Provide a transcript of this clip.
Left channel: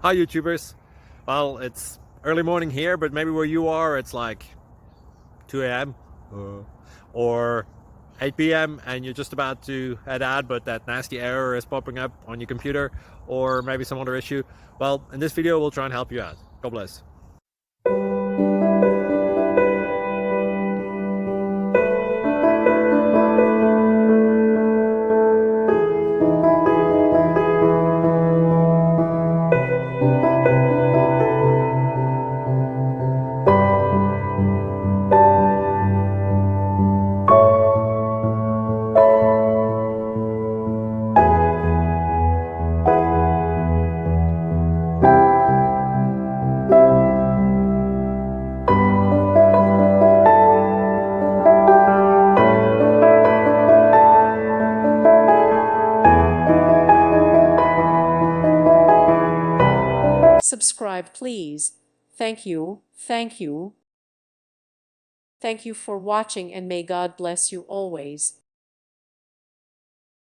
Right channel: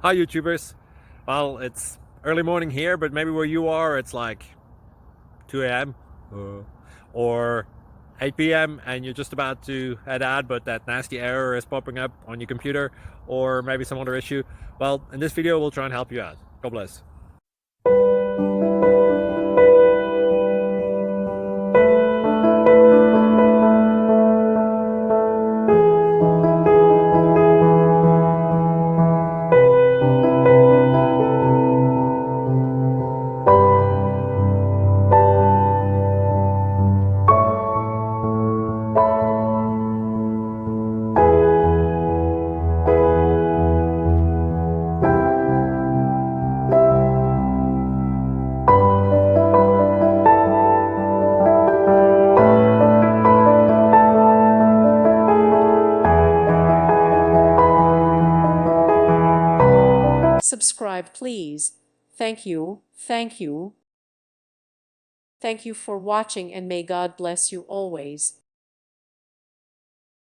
Hi YouTubers. Well, it's early morning here, but maybe where you are it's like 2 a.m. or 8 p.m. and you're just about to head out, but that nasty error is popping up on your computer, or maybe some other issue. Well, in this video we'll try and help you out. God bless. Subscribe, please. Thank you. Thank you. Thank you for watching, and may God bless you always.